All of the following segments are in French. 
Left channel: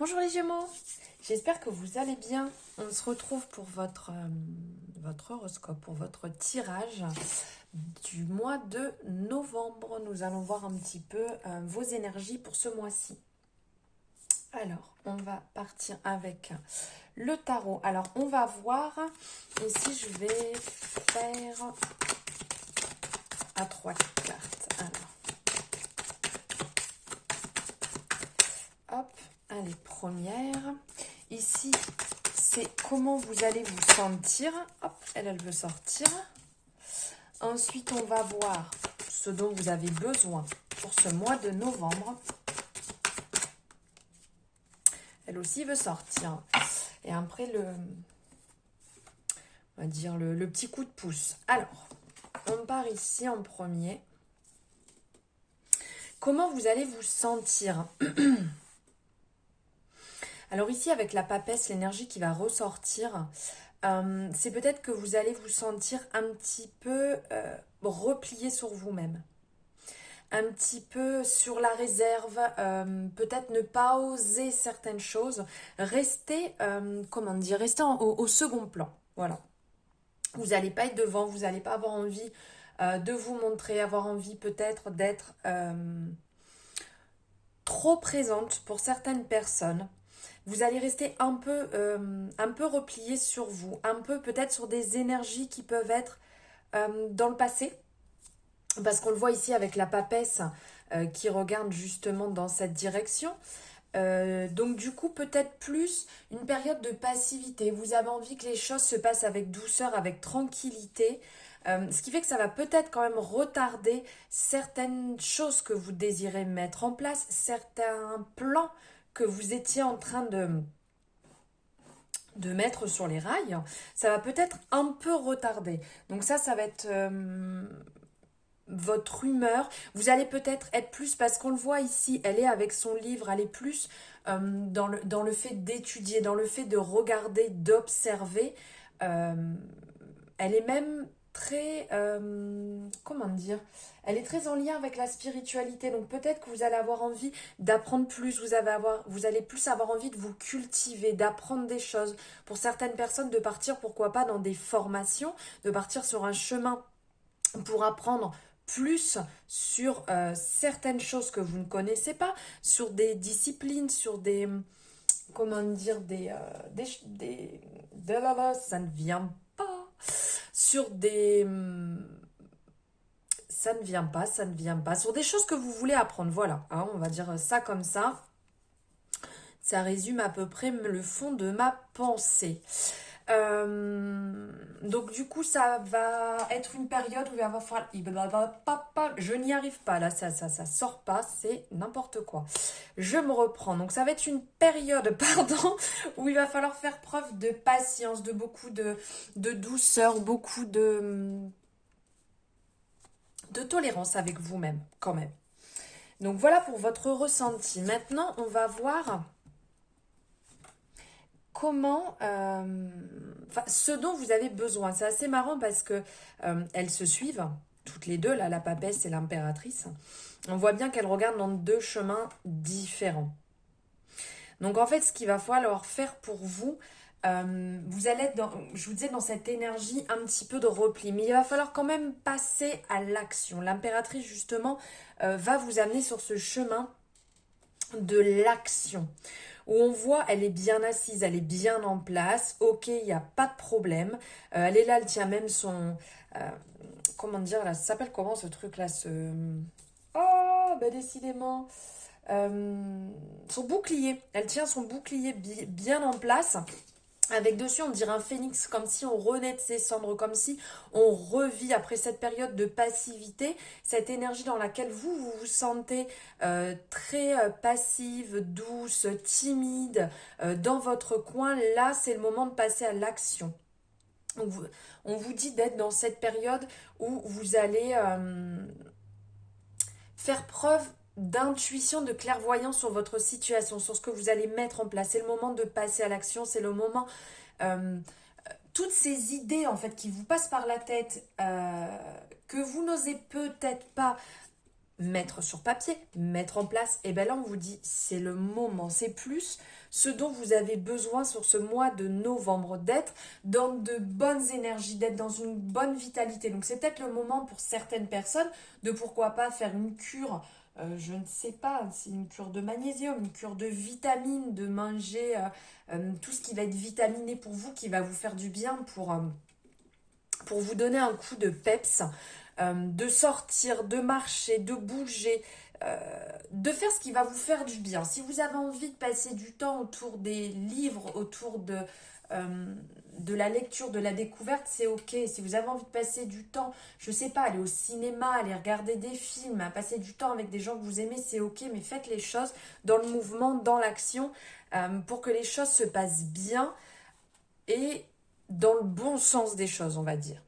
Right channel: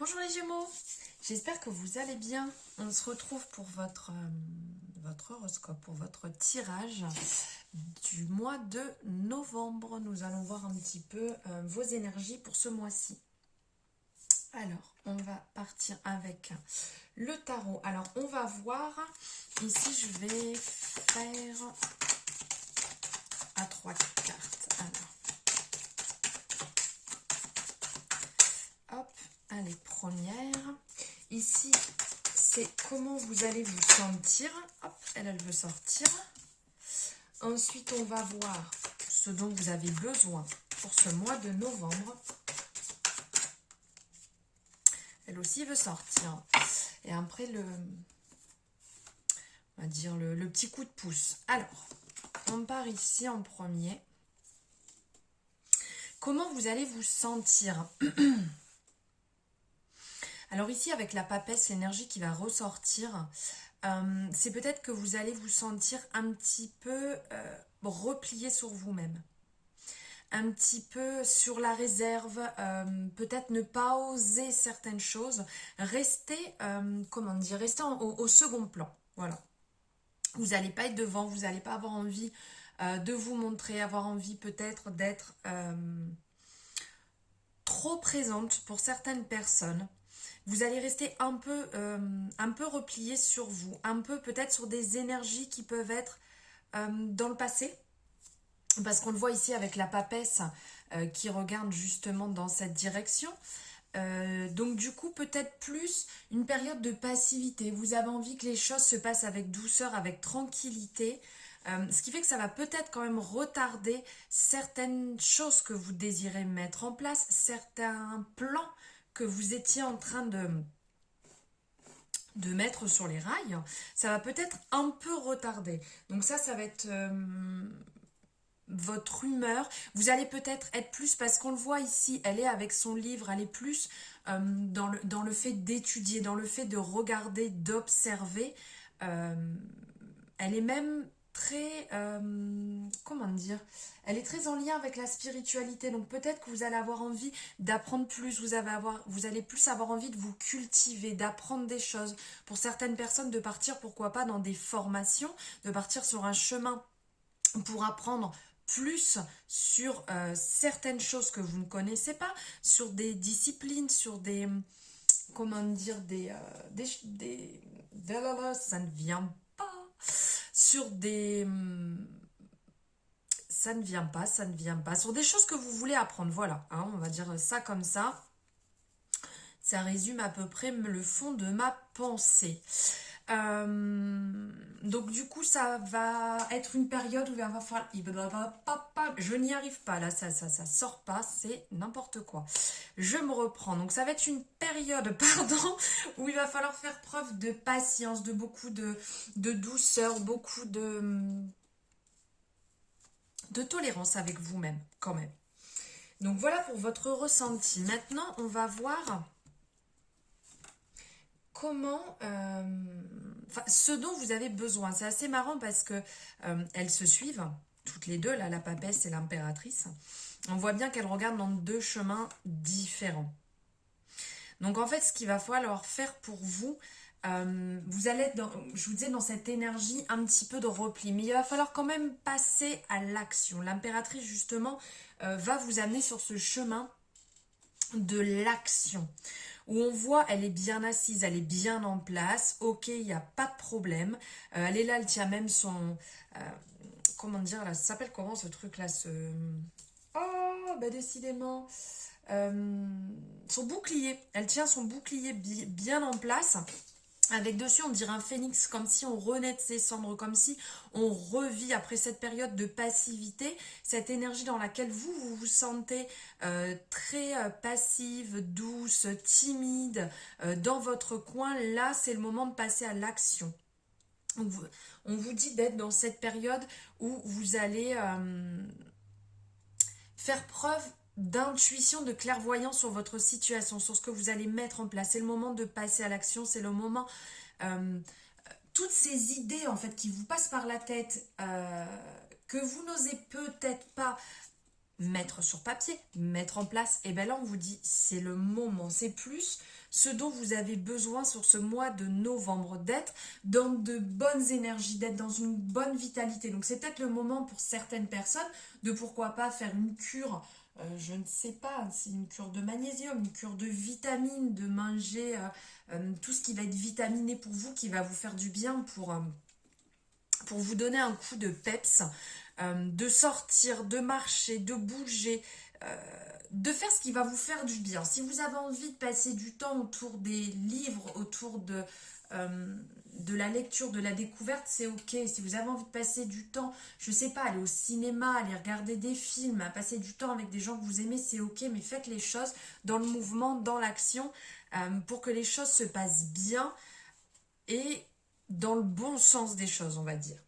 Bonjour les Gémeaux, j'espère que vous allez bien. On se retrouve pour votre horoscope, pour votre tirage du mois de novembre. Nous allons voir un petit peu vos énergies pour ce mois-ci. Alors, on va partir avec le tarot. Alors, on va voir, ici je vais faire à 3 cartes. Alors, hop, allez, première. Ici, c'est comment vous allez vous sentir. Hop, elle veut sortir. Ensuite, on va voir ce dont vous avez besoin pour ce mois de novembre. Elle aussi veut sortir. Et après, on va dire le petit coup de pouce. Alors, on part ici en premier. Comment vous allez vous sentir? Alors ici, avec la papesse, l'énergie qui va ressortir, c'est peut-être que vous allez vous sentir un petit peu replié sur vous-même. Un petit peu sur la réserve, peut-être ne pas oser certaines choses, rester, rester au second plan. Voilà. Vous n'allez pas être devant, vous n'allez pas avoir envie de vous montrer, avoir envie peut-être d'être trop présente pour certaines personnes. Vous allez rester un peu replié sur vous, un peu peut-être sur des énergies qui peuvent être dans le passé, parce qu'on le voit ici avec la papesse qui regarde justement dans cette direction. Donc du coup, peut-être plus une période de passivité. Vous avez envie que les choses se passent avec douceur, avec tranquillité. Ce qui fait que ça va peut-être quand même retarder certaines choses que vous désirez mettre en place, certains plans que vous étiez en train de mettre sur les rails. Ça va peut-être un peu retarder. Donc ça va être votre humeur. Vous allez peut-être être plus, parce qu'on le voit ici, elle est avec son livre, elle est plus dans le fait d'étudier, dans le fait de regarder, d'observer. Elle est même très, comment dire, elle est très en lien avec la spiritualité. Donc peut-être que vous allez avoir envie d'apprendre plus, vous allez plus avoir envie de vous cultiver, d'apprendre des choses. Pour certaines personnes, de partir, pourquoi pas, dans des formations, de partir sur un chemin pour apprendre plus sur certaines choses que vous ne connaissez pas, sur des disciplines, sur des, comment dire, ça ne vient pas, sur des, ça ne vient pas, sur des choses que vous voulez apprendre, voilà, hein, on va dire ça comme ça. Ça résume à peu près le fond de ma pensée. Donc du coup, ça va être une période où il va falloir... Je n'y arrive pas, là, ça sort pas, c'est n'importe quoi. Je me reprends. Donc ça va être une période, pardon, où il va falloir faire preuve de patience, de beaucoup de douceur, beaucoup de tolérance avec vous-même, quand même. Donc voilà pour votre ressenti. Maintenant, on va voir comment, ce dont vous avez besoin. C'est assez marrant parce que elles se suivent, toutes les deux, là, la papesse et l'impératrice. On voit bien qu'elles regardent dans deux chemins différents. Donc en fait, ce qu'il va falloir faire pour vous, vous allez être je vous disais, dans cette énergie un petit peu de repli, mais il va falloir quand même passer à l'action. L'impératrice, justement, va vous amener sur ce chemin de l'action, où on voit, elle est bien assise, elle est bien en place, ok, il n'y a pas de problème, elle est là, elle tient même son, comment dire, là, ça s'appelle comment ce truc là, oh, bah décidément, son bouclier, elle tient son bouclier bien en place, avec dessus, on dirait un phénix, comme si on renaît de ses cendres, comme si on revit après cette période de passivité, cette énergie dans laquelle vous vous sentez très passive, douce, timide, dans votre coin. Là, c'est le moment de passer à l'action. On vous dit d'être dans cette période où vous allez faire preuve d'intuition, de clairvoyance sur votre situation, sur ce que vous allez mettre en place. C'est le moment de passer à l'action, c'est le moment... toutes ces idées en fait qui vous passent par la tête, que vous n'osez peut-être pas mettre sur papier, mettre en place, et bien là on vous dit c'est le moment, c'est plus ce dont vous avez besoin sur ce mois de novembre, d'être dans de bonnes énergies, d'être dans une bonne vitalité. Donc c'est peut-être le moment pour certaines personnes de pourquoi pas faire une cure, je ne sais pas, c'est une cure de magnésium, une cure de vitamines, de manger tout ce qui va être vitaminé pour vous, qui va vous faire du bien pour vous donner un coup de peps, de sortir, de marcher, de bouger, de faire ce qui va vous faire du bien. Si vous avez envie de passer du temps autour des livres, autour de la lecture, de la découverte, c'est ok. Si vous avez envie de passer du temps, je sais pas, aller au cinéma, aller regarder des films, passer du temps avec des gens que vous aimez, c'est ok, mais faites les choses dans le mouvement, dans l'action, pour que les choses se passent bien et dans le bon sens des choses, on va dire.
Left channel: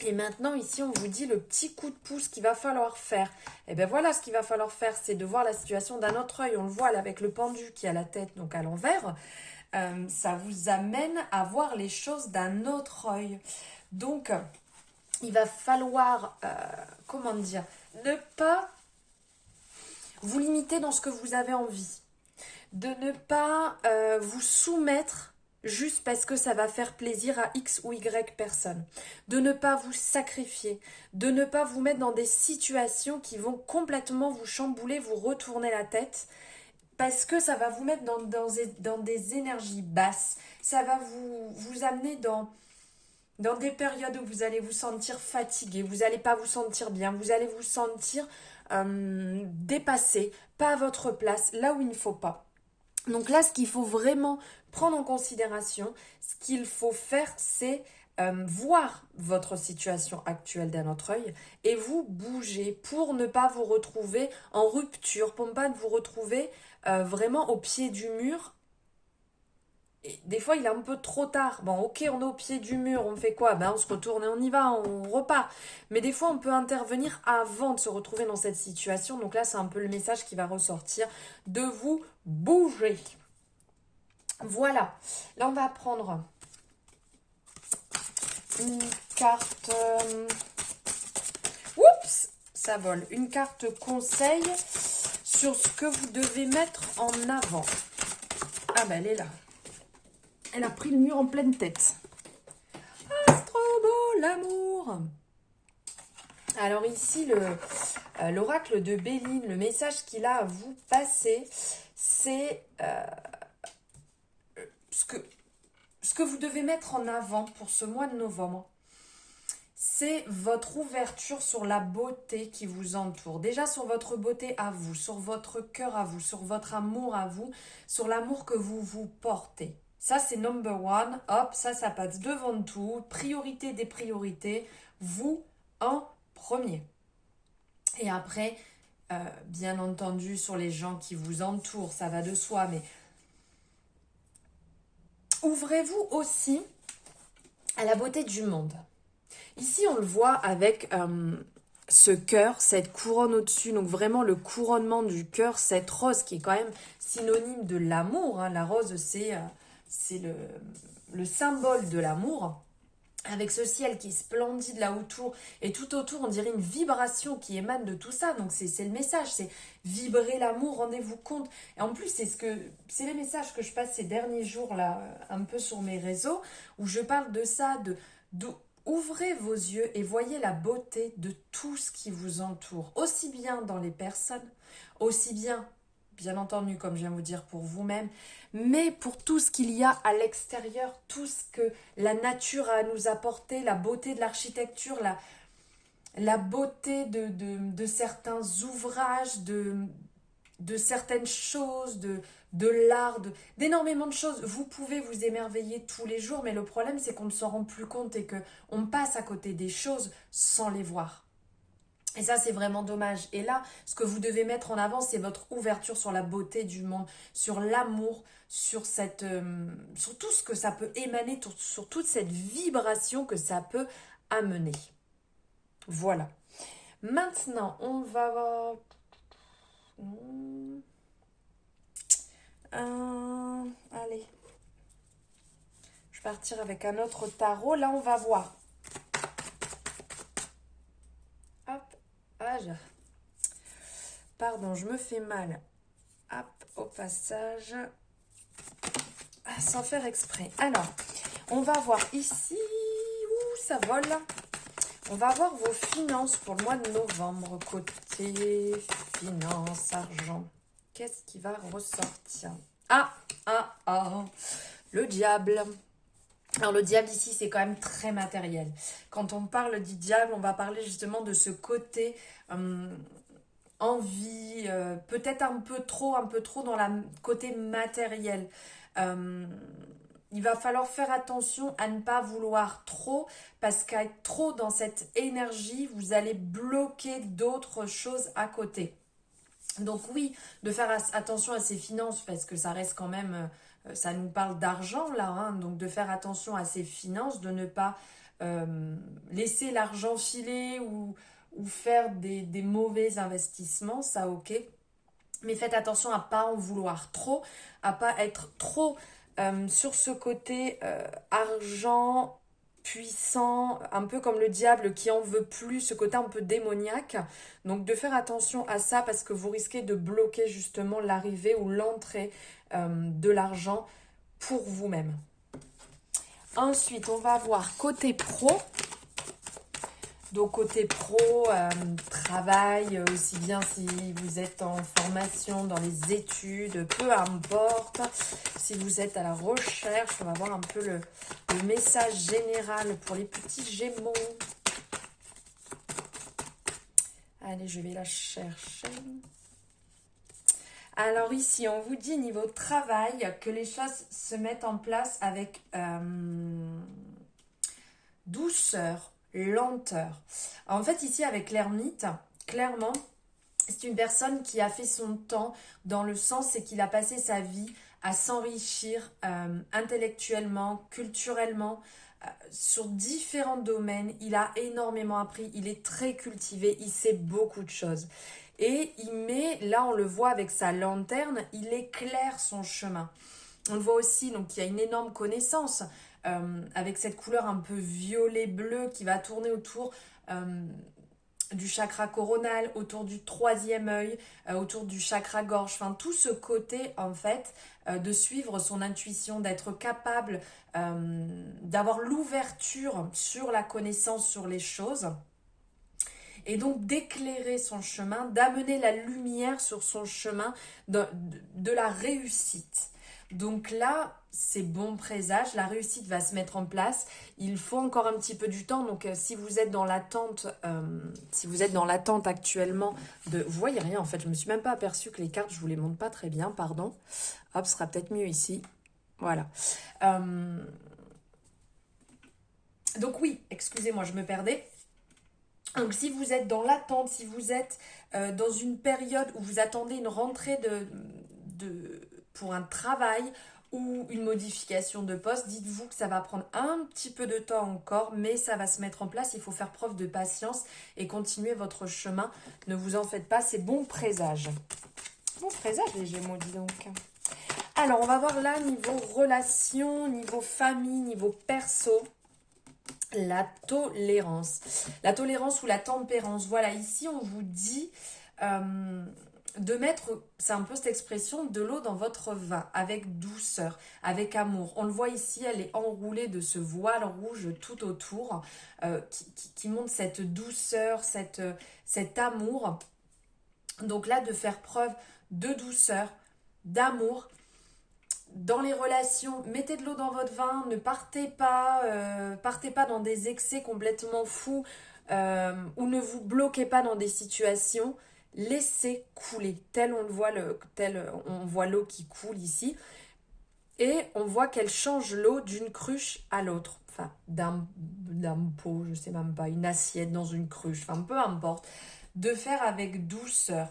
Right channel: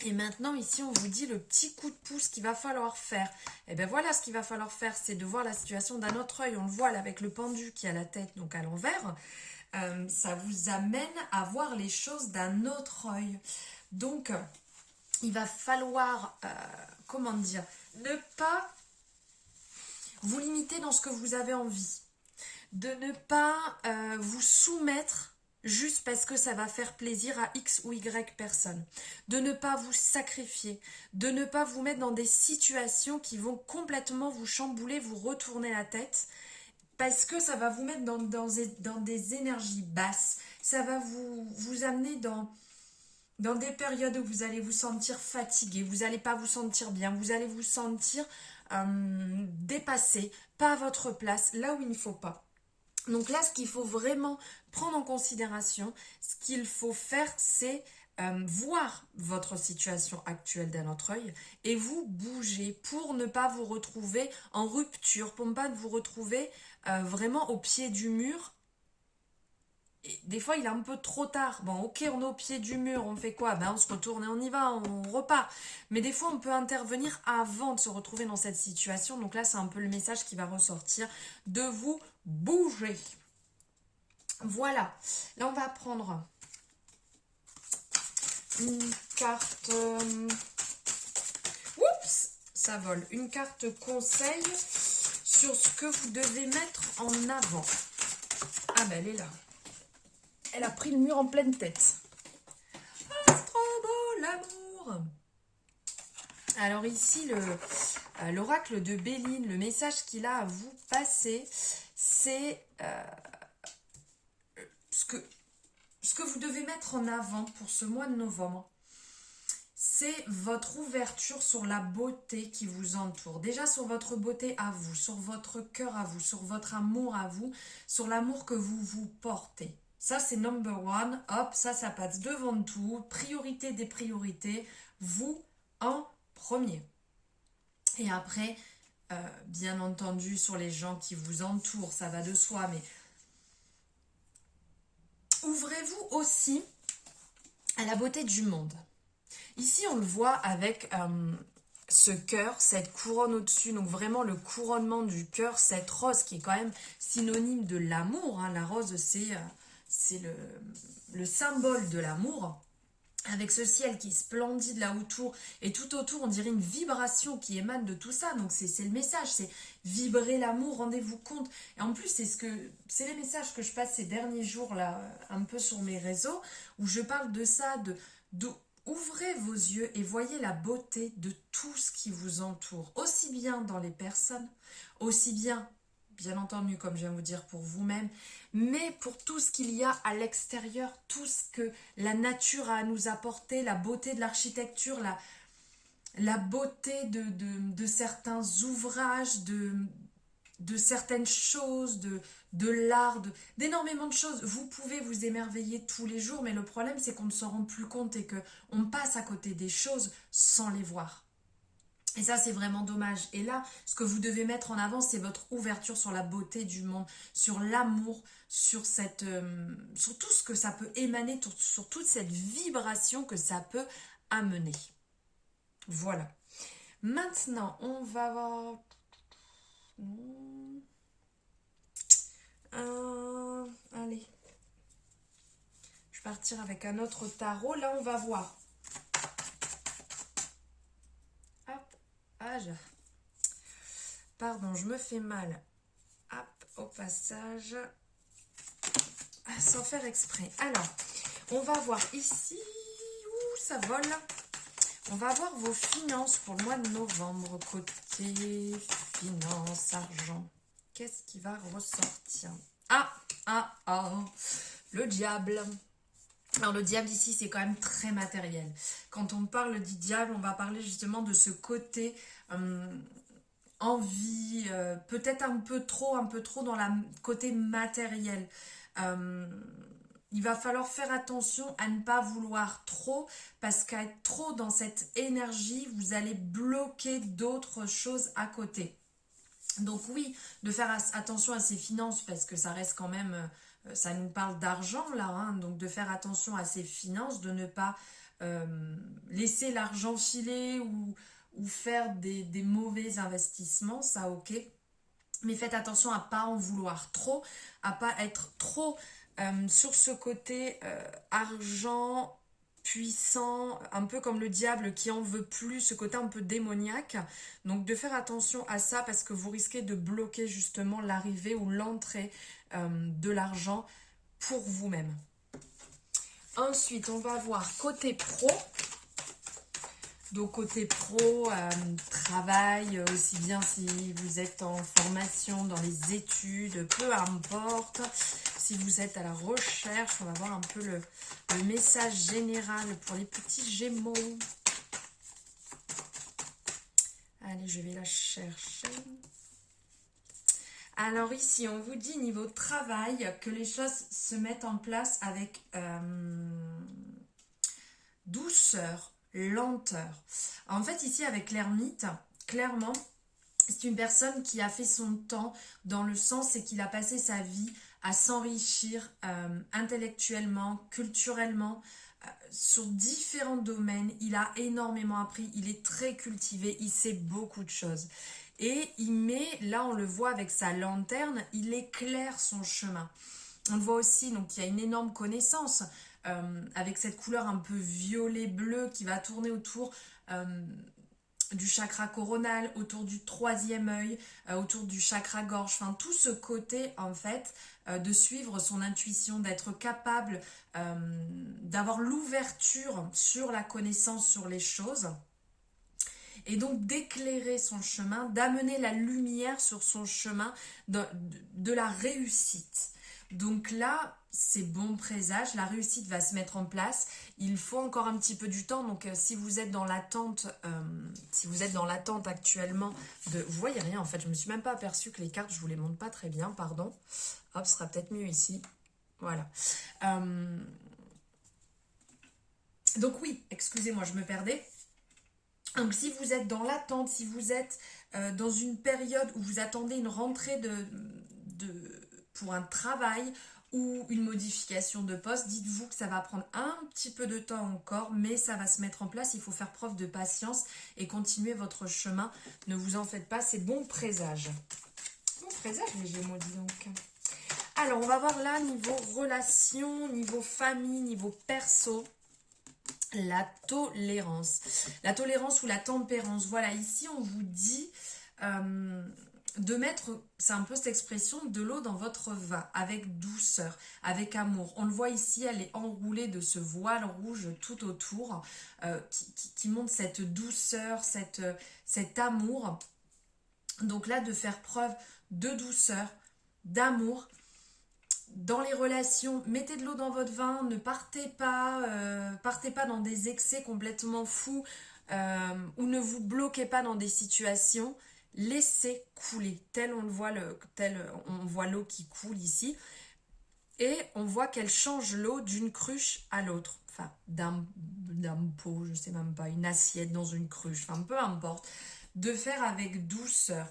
Et maintenant, ici, on vous dit le petit coup de pouce qu'il va falloir faire. Et bien voilà, ce qu'il va falloir faire, c'est de voir la situation d'un autre œil. On le voit là avec le pendu qui a la tête donc à l'envers. Ça vous amène à voir les choses d'un autre œil. Donc, il va falloir, comment dire, ne pas vous limiter dans ce que vous avez envie. De ne pas vous soumettre juste parce que ça va faire plaisir à X ou Y personne. De ne pas vous sacrifier. De ne pas vous mettre dans des situations qui vont complètement vous chambouler, vous retourner la tête. Parce que ça va vous mettre dans des énergies basses. Ça va vous amener dans des périodes où vous allez vous sentir fatigué. Vous n'allez pas vous sentir bien. Vous allez vous sentir dépassé, pas à votre place, là où il ne faut pas. Donc là, ce qu'il faut vraiment prendre en considération, ce qu'il faut faire, c'est voir votre situation actuelle d'un autre œil et vous bouger pour ne pas vous retrouver en rupture, pour ne pas vous retrouver vraiment au pied du mur. Et des fois, il est un peu trop tard. Bon, ok, on est au pied du mur, on fait quoi? Ben, on se retourne et on y va, on repart. Mais des fois, on peut intervenir avant de se retrouver dans cette situation. Donc là, c'est un peu le message qui va ressortir de vous bouger. Voilà. Là, on va prendre une carte... Oups, ça vole. Une carte conseil sur ce que vous devez mettre en avant. Ah ben, elle est là. Elle a pris le mur en pleine tête. Ah, c'est trop beau, l'amour. Alors ici, l'oracle de Béline, le message qu'il a à vous passer, c'est ce que vous devez mettre en avant pour ce mois de novembre. C'est votre ouverture sur la beauté qui vous entoure. Déjà sur votre beauté à vous, sur votre cœur à vous, sur votre amour à vous, sur l'amour que vous vous portez. Ça, c'est number one. Hop, ça passe devant tout. Priorité des priorités. Vous en premier. Et après, bien entendu, sur les gens qui vous entourent, ça va de soi, mais ouvrez-vous aussi à la beauté du monde. Ici, on le voit avec ce cœur, cette couronne au-dessus, donc vraiment le couronnement du cœur, cette rose qui est quand même synonyme de l'amour. Hein. La rose, c'est le symbole de l'amour. Avec ce ciel qui est splendide là autour, et tout autour, on dirait une vibration qui émane de tout ça. Donc c'est le message, c'est vibrer l'amour, rendez-vous compte. Et en plus, c'est les messages que je passe ces derniers jours là, un peu sur mes réseaux, où je parle de ça, de ouvrez vos yeux et voyez la beauté de tout ce qui vous entoure, aussi bien dans les personnes, aussi bien entendu, comme je viens de vous dire, pour vous-même, mais pour tout ce qu'il y a à l'extérieur, tout ce que la nature a à nous apporter, la beauté de l'architecture, la beauté de certains ouvrages, de certaines choses, de l'art, d'énormément de choses. Vous pouvez vous émerveiller tous les jours, mais le problème, c'est qu'on ne s'en rend plus compte et qu'on passe à côté des choses sans les voir. Et ça, c'est vraiment dommage. Et là, ce que vous devez mettre en avant, c'est votre ouverture sur la beauté du monde, sur l'amour, sur tout ce que ça peut émaner, sur toute cette vibration que ça peut amener. Voilà. Maintenant, on va voir... allez. Je vais partir avec un autre tarot. Là, on va voir. Hop. Ah, pardon, je me fais mal. Hop, au passage. sans faire exprès. Alors, on va voir ici, où ça vole. On va voir vos finances pour le mois de novembre, côté finance, argent. Qu'est-ce qui va ressortir? Le diable. Alors le diable ici, c'est quand même très matériel. Quand on parle du diable, on va parler justement de ce côté envie, peut-être un peu trop dans le côté matériel. Il va falloir faire attention à ne pas vouloir trop, parce qu'à être trop dans cette énergie, vous allez bloquer d'autres choses à côté. Donc oui, de faire attention à ses finances, parce que ça reste quand même, ça nous parle d'argent là, hein, donc de faire attention à ses finances, de ne pas laisser l'argent filer ou faire des mauvais investissements, ça ok. Mais faites attention à pas en vouloir trop, à pas être trop sur ce côté argent puissant, un peu comme le diable qui en veut plus, ce côté un peu démoniaque. Donc de faire attention à ça parce que vous risquez de bloquer justement l'arrivée ou l'entrée de l'argent pour vous-même. Ensuite, on va voir côté pro. Donc côté pro, travail, aussi bien si vous êtes en formation, dans les études, peu importe. Si vous êtes à la recherche, on va voir un peu le message général pour les petits Gémeaux. Allez, je vais la chercher. Alors ici, on vous dit niveau travail que les choses se mettent en place avec douceur, lenteur. En fait, ici, avec l'ermite, clairement, c'est une personne qui a fait son temps dans le sens, c'est qu'il a passé sa vie à s'enrichir intellectuellement, culturellement, sur différents domaines. Il a énormément appris, il est très cultivé, il sait beaucoup de choses. Et il met, là on le voit avec sa lanterne, il éclaire son chemin. On le voit aussi, donc il y a une énorme connaissance avec cette couleur un peu violet-bleu qui va tourner autour du chakra coronal, autour du troisième œil, autour du chakra gorge. Enfin, tout ce côté, en fait, de suivre son intuition, d'être capable d'avoir l'ouverture sur la connaissance, sur les choses. Et donc d'éclairer son chemin, d'amener la lumière sur son chemin de la réussite. Donc là, c'est bon présage, la réussite va se mettre en place. Il faut encore un petit peu du temps. Donc si vous êtes dans l'attente, actuellement de... Vous voyez rien en fait, je me suis même pas aperçue que les cartes, je vous les montre pas très bien, pardon. Hop, ce sera peut-être mieux ici. Voilà. Donc oui, excusez-moi, je me perdais. Donc si vous êtes dans l'attente, si vous êtes dans une période où vous attendez une rentrée pour un travail ou une modification de poste, dites-vous que ça va prendre un petit peu de temps encore, mais ça va se mettre en place. Il faut faire preuve de patience et continuer votre chemin. Ne vous en faites pas, c'est bon présage. Bon présage les Gémeaux, dis donc. Alors on va voir là niveau relation, niveau famille, niveau perso. La tolérance. La tolérance ou la tempérance. Voilà, ici on vous dit de mettre, c'est un peu cette expression, de l'eau dans votre vin, avec douceur, avec amour. On le voit ici, elle est enroulée de ce voile rouge tout autour, qui montre cette douceur, cet amour. Donc là, de faire preuve de douceur, d'amour. Dans les relations, mettez de l'eau dans votre vin, ne partez pas dans des excès complètement fous ou ne vous bloquez pas dans des situations. Laissez couler, tel on voit l'eau qui coule ici, et on voit qu'elle change l'eau d'une cruche à l'autre, enfin d'un pot, je sais même pas, une assiette dans une cruche, enfin peu importe, de faire avec douceur.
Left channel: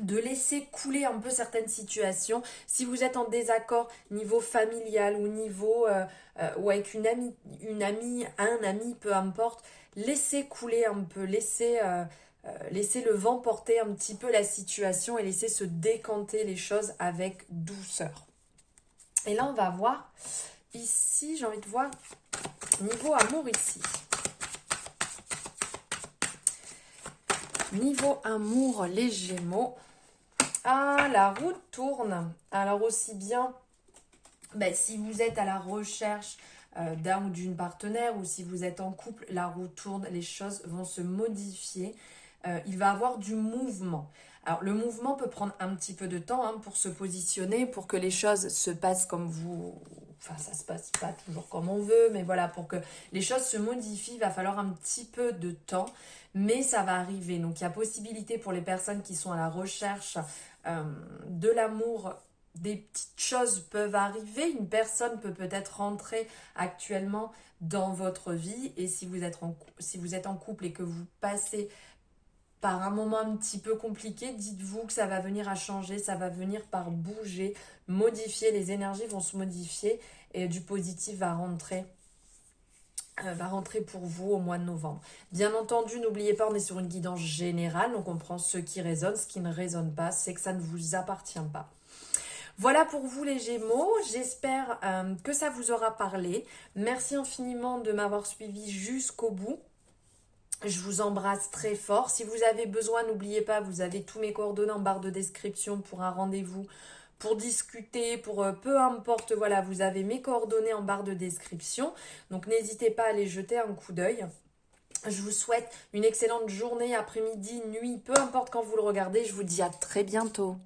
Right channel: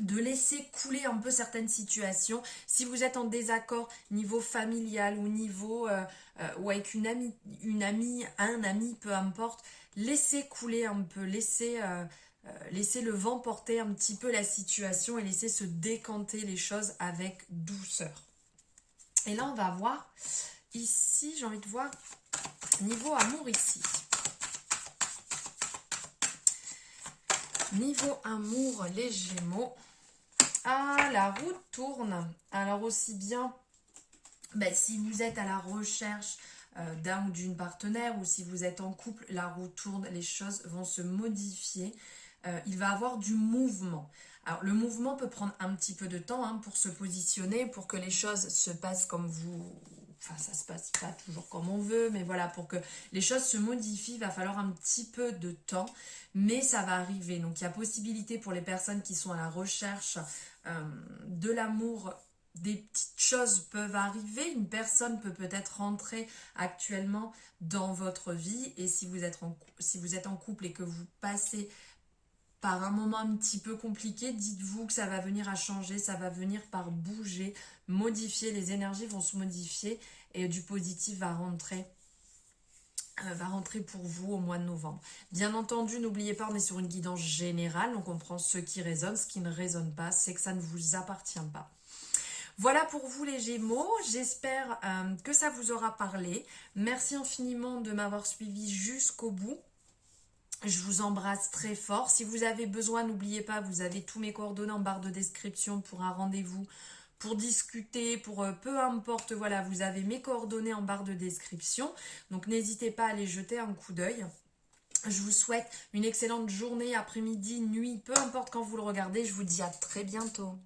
De laisser couler un peu certaines situations. Si vous êtes en désaccord niveau familial ou niveau ou avec une amie, un ami, peu importe, laissez couler un peu, laissez le vent porter un petit peu la situation et laissez se décanter les choses avec douceur. Et là, on va voir ici, j'ai envie de voir niveau amour ici. Niveau amour, les Gémeaux. Ah la roue tourne. Alors aussi bien, ben, si vous êtes à la recherche d'un ou d'une partenaire ou si vous êtes en couple, la roue tourne, les choses vont se modifier. Il va y avoir du mouvement. Alors le mouvement peut prendre un petit peu de temps hein, pour se positionner, pour que les choses se passent comme vous... Enfin, ça se passe pas toujours comme on veut, mais voilà, pour que les choses se modifient, il va falloir un petit peu de temps, mais ça va arriver. Donc, il y a possibilité pour les personnes qui sont à la recherche de l'amour, des petites choses peuvent arriver. Une personne peut peut-être rentrer actuellement dans votre vie, et si vous êtes en couple et que vous passez par un moment un petit peu compliqué, dites-vous que ça va venir à changer, ça va venir par bouger, modifier, les énergies vont se modifier et du positif va rentrer pour vous au mois de novembre. Bien entendu, n'oubliez pas, on est sur une guidance générale, donc on prend ce qui résonne, ce qui ne résonne pas, c'est que ça ne vous appartient pas. Voilà pour vous les Gémeaux, j'espère que ça vous aura parlé. Merci infiniment de m'avoir suivi jusqu'au bout. Je vous embrasse très fort. Si vous avez besoin, n'oubliez pas, vous avez tous mes coordonnées en barre de description pour un rendez-vous, pour discuter, pour peu importe, voilà, vous avez mes coordonnées en barre de description. Donc n'hésitez pas à aller jeter un coup d'œil. Je vous souhaite une excellente journée, après-midi, nuit, peu importe quand vous le regardez. Je vous dis à très bientôt.